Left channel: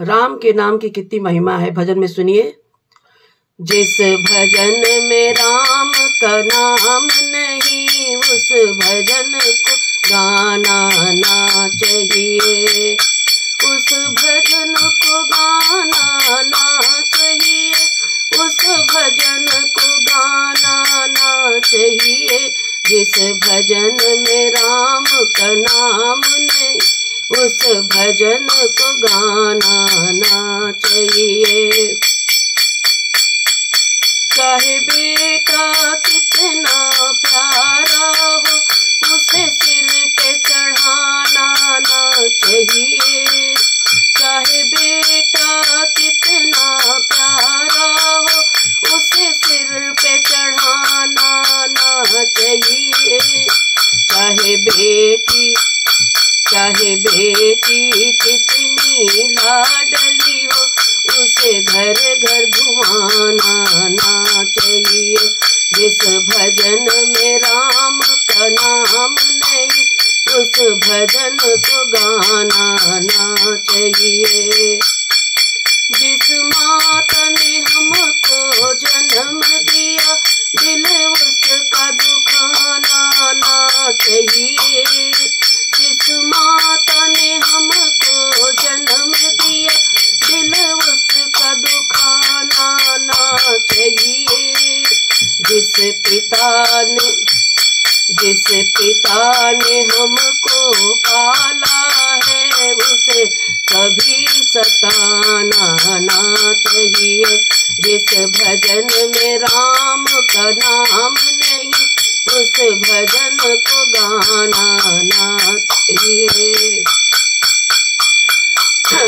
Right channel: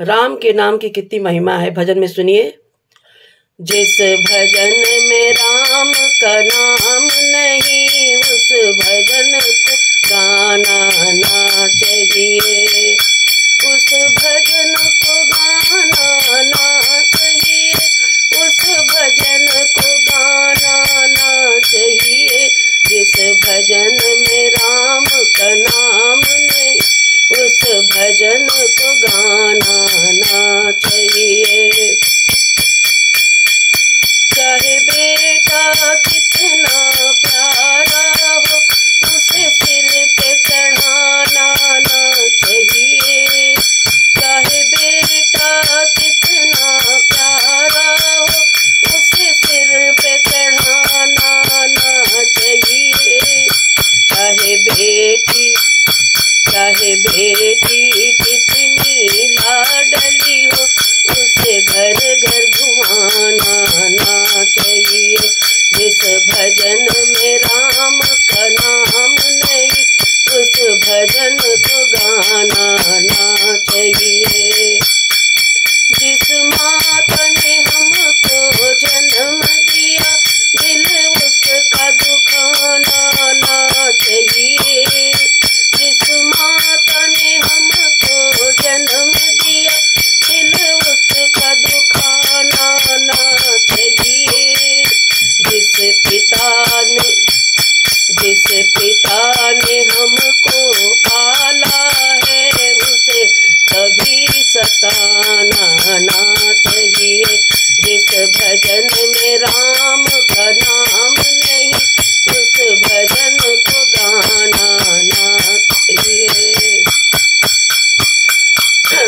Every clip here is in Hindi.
राम के नाम की कितनी महिमा है, भजन में सुनिए। जिस भजन में राम का नाम नहीं, उस भजन को गाना ना चाहिए। उस भजन को गाना ना चाहिए, उस भजन को गाना ना चाहिए। जिस भजन में राम का नाम नहीं, उस भजन को गाना ना चाहिए। चाहे बेटा कितना प्यारा हो, उसे सिर पे चढ़ाना ना चाहिए। चाहे बेटा कितना प्यारा हो, उसे सिर पे चढ़ाना ना चाहिए। चाहे बेटी कितनी लाडली हो, उसे घर घर घुमाना ना चाहिए। जिस भजन में राम का नाम नहीं, उस भजन को गाना ना चाहिए। जिस माता ने हमको जन्म दिया, दिल उसका दुखाना ना चाहिए। जिस माता ने हमको जन्म दिया, दिल उसका दुखाना ना चाहिए। जिस पिता ने हमको पाला है, उसे कभी सताना ना चाहिए। जिस भजन में राम का नाम नहीं, उस भजन को गाना ना चाहिए।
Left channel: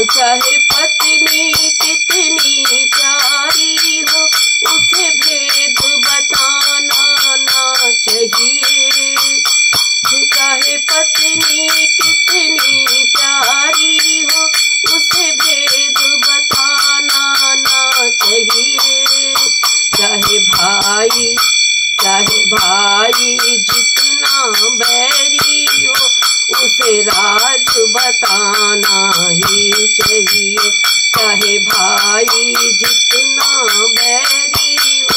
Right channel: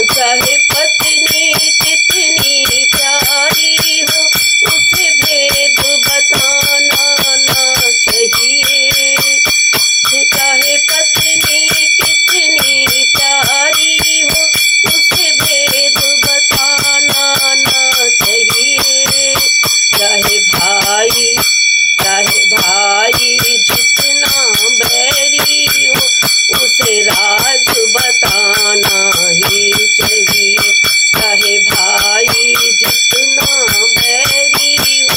चाहे पत्नी कितनी प्यारी हो, उसे भेद बताना ना चाहिए। चाहे पत्नी कितनी प्यारी हो, उसे भेद बताना ना चाहिए। चाहे भाई जितना बैरी हो, उसे राज बताना ही चाहिए। चाहे भाई जितना बैरी हो,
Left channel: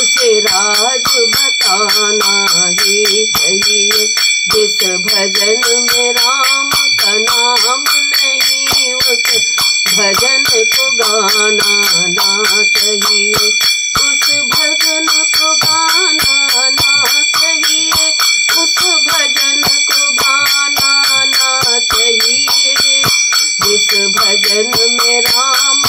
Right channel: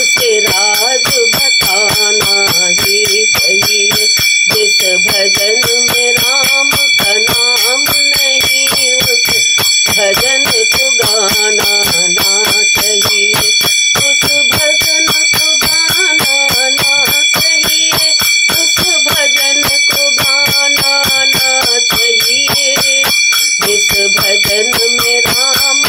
उसे राज बताना ही चाहिए। जिस भजन में राम का नाम नहीं, उस भजन को गाना ना चाहिए। उस भजन को गाना ना चाहिए, उस भजन को गाना ना चाहिए। जिस भजन में राम